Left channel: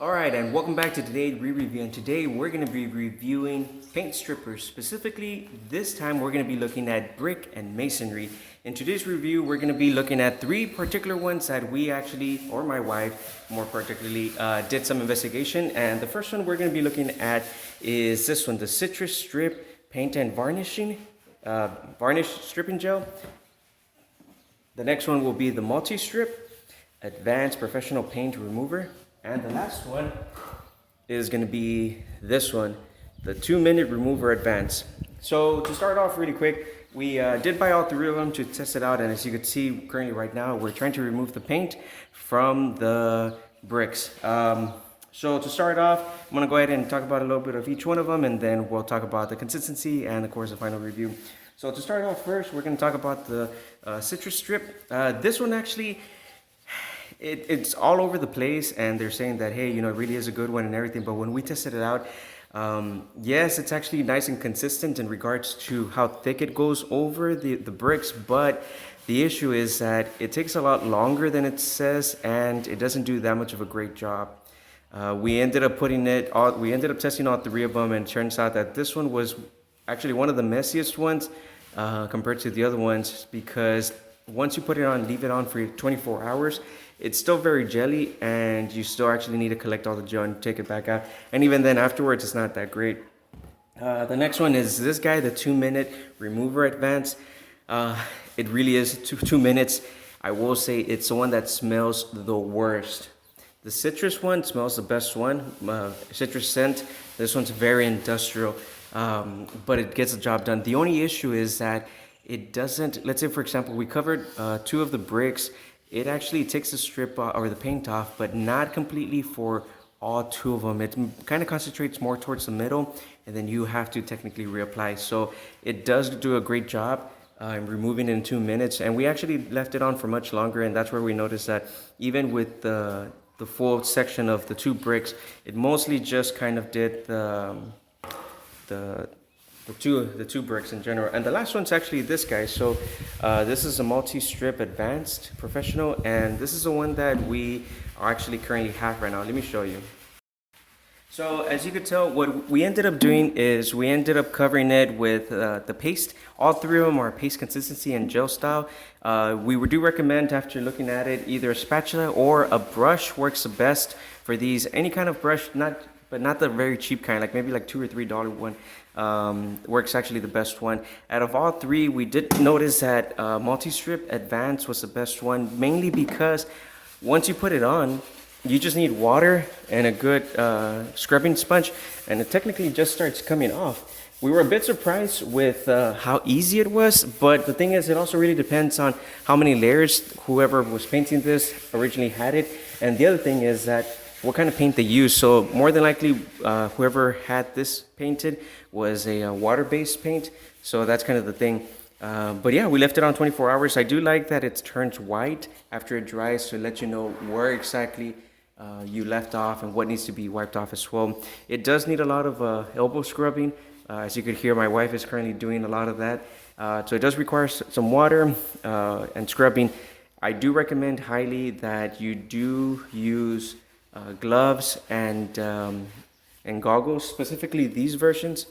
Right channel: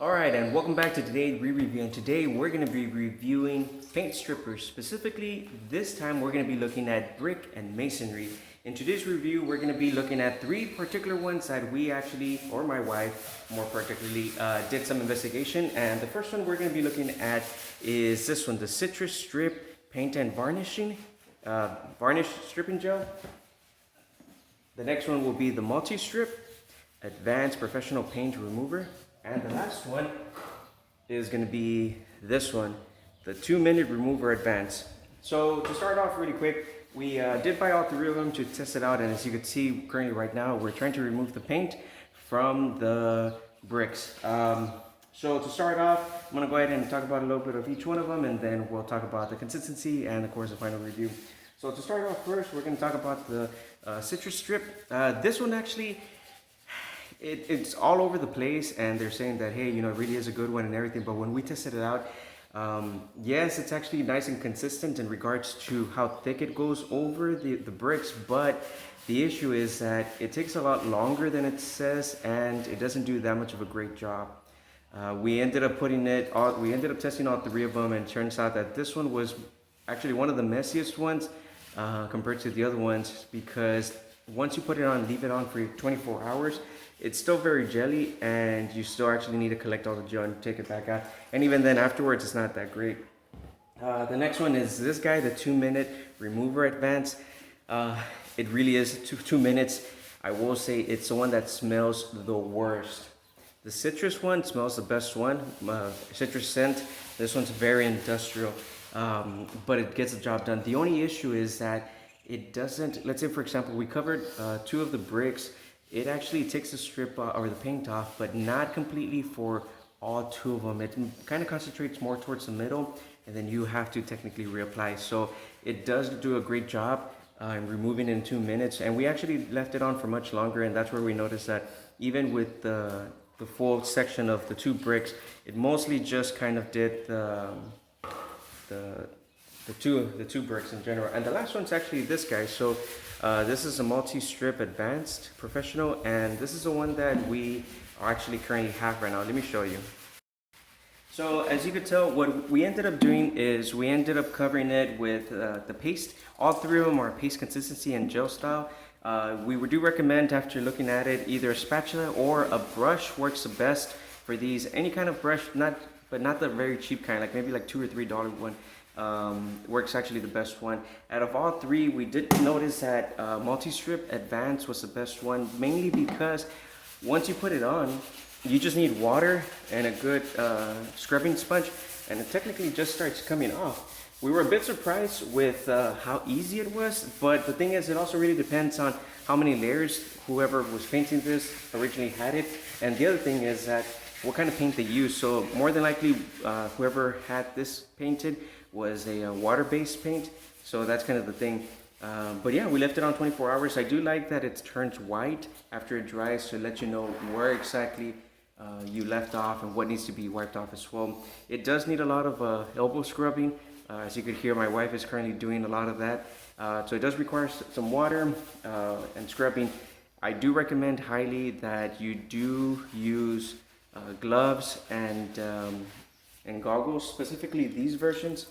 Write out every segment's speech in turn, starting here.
Alright, and welcome back to today's re-review. And today we're going to be reviewing paint strippers. Specifically, this time we're going to be looking at brick and masonry. In today's review, we're going to be looking at three particular ones that we actually, or my wife more particularly, did some investigation. And the first one we're going to be looking at is this one, the Citrus Strip Paint and Varnish Stripping Gel. The next one will be the Multi-Strip Advanced Professional Paint Remover. And the last one is going to be this one, the 2-minute remover advance. So to start off really quick, we did buy all three of them to test it out. And as you can see currently right now, we're trying to remove the paint from the bricks. So to start off, I'm going to go ahead and talk about a little bit of each one of them, and then we'll talk about the consistency and of course the final review. So to start off first, we're going to talk about the Citrus Strip. This one actually, it's all over the place, and they're saying that, hey, you know, it really is a good one and everything. But when we tested it out, yes, it's actually nice and consistent in regards to how thick it goes over the bricks. But the issue is that it takes a lot longer than it says, and it doesn't do that much of a great job. We ended up testing all three of them, and it turns out that this one was actually one of the messiest ones compared to the other ones, because once you put it on, leave it on for 24 hours, it's still very jelly, and you still actually need to collect all the gel and take it back out. And even then afterwards, it's not that great. The next one is this guy, the 2-minute remover advance. It really is 2 minutes. I will say it's the one that smells the worst. The citrus one smells the best one, citrus scent. This one's very industrial, but it gets the job done. The only issue is that it doesn't, let's say for example, we covered 2 of the bricks. It actually takes the strip or the paint off, but not completely for all 2 of them. It kind of concentrates more towards the middle, and then you have to technically reapply. So it does do a great job in removing it in 2 minutes. And we actually left it on for much longer, and that's where we noticed that even with the full section of the 2 bricks, it mostly just kind of did the two bricks in general. And the last one's actually this guy. So this is a multi-strip advanced professional, and this is the one that we actually currently have right now. Let me show you. So as you could tell, what we ended up doing is we ended up covering it with the paste. All 3 of them are paste consistency and gel style. We do recommend, after looking at it, either a spatula or a brush works the best for these. Any kind of brush, but not the very cheap kind, like maybe like $2 or $3 one. Works actually the best one. Out of all 3, we did notice that multi-strip advance was the best one, mainly because once you put it on, you just need water and a good scrubbing sponge, and it technically just starts coming off. We were a bit surprised with how easy it was, but the thing is, it also really depends on how many layers whoever was painting this originally had it. And the other thing is that what kind of paint they use. So more than likely, whoever had this painted was a water-based paint. So that's kind of the thing. But yeah, we left it on 24 hours. I do like that it turns white after it dries to let you know where exactly you left off and what needs to be wiped off as well. It does need a lot of elbow scrubbing. As you could hear, my wife is currently doing a lot of that. So it does require some water and scrubbing. I do recommend highly that you do use gloves and goggles, specifically these versions,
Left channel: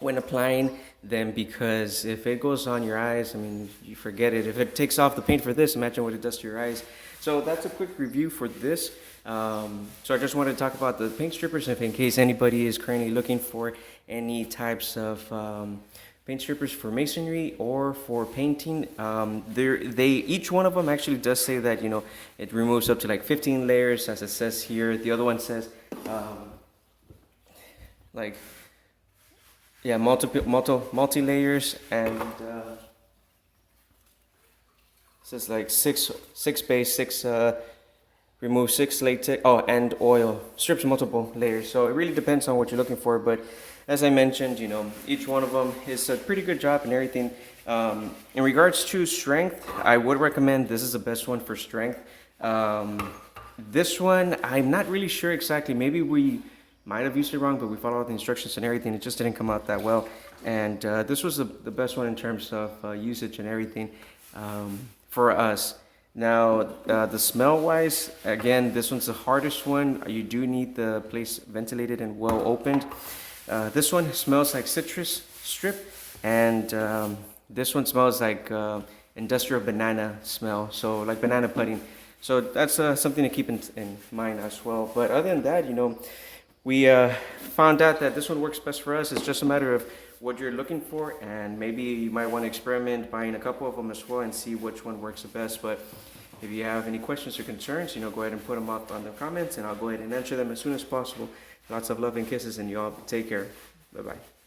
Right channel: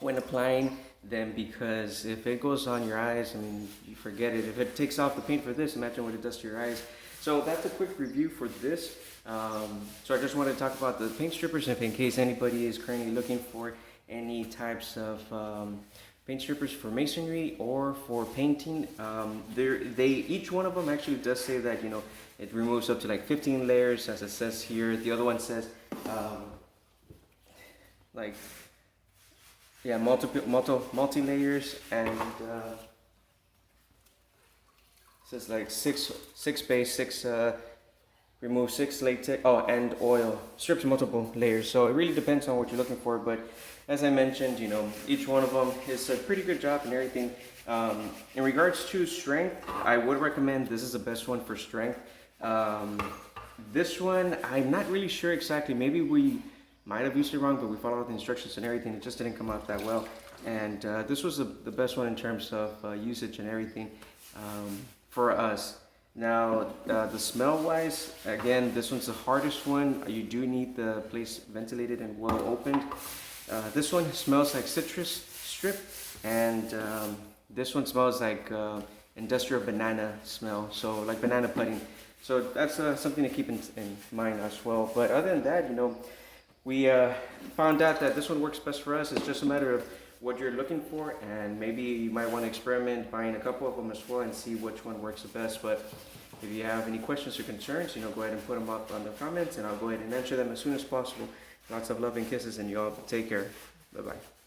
when applying them, because if it goes on your eyes, I mean, you forget it. If it takes off the paint for this, imagine what it does to your eyes. So that's a quick review for this. So I just wanted to talk about the paint strippers, if in case anybody is currently looking for any types of paint strippers for masonry or for painting. Each one of them actually does say that, you know, it removes up to like 15 layers, as it says here. The other one says multi layers, and says like six base, 6 remove 6 latex, and oil strips multiple layers. So it really depends on what you're looking for, but as I mentioned, you know, each one of them is a pretty good job and everything. In regards to strength, I would recommend this is the best one for strength. This one, I'm not really sure exactly. Maybe we might have used it wrong, but we followed all the instructions and everything. It just didn't come out that well. And this was the best one in terms of usage and everything for us. Now, the smell wise, again, this one's the hardest one. You do need the place ventilated and well opened. This one smells like citrus strip, and this one smells like industrial banana smell, so like banana pudding. So that's something to keep in mind as well. But other than that, we found out that this one works best for us. It's just a matter of what you're looking for, and maybe you might want to experiment buying a couple of them as well and see which one works the best. But if you have any questions or concerns, go ahead and put them up on the comments, and I'll go ahead and answer them as soon as possible. Lots of love and kisses, and y'all take care. Bye-bye.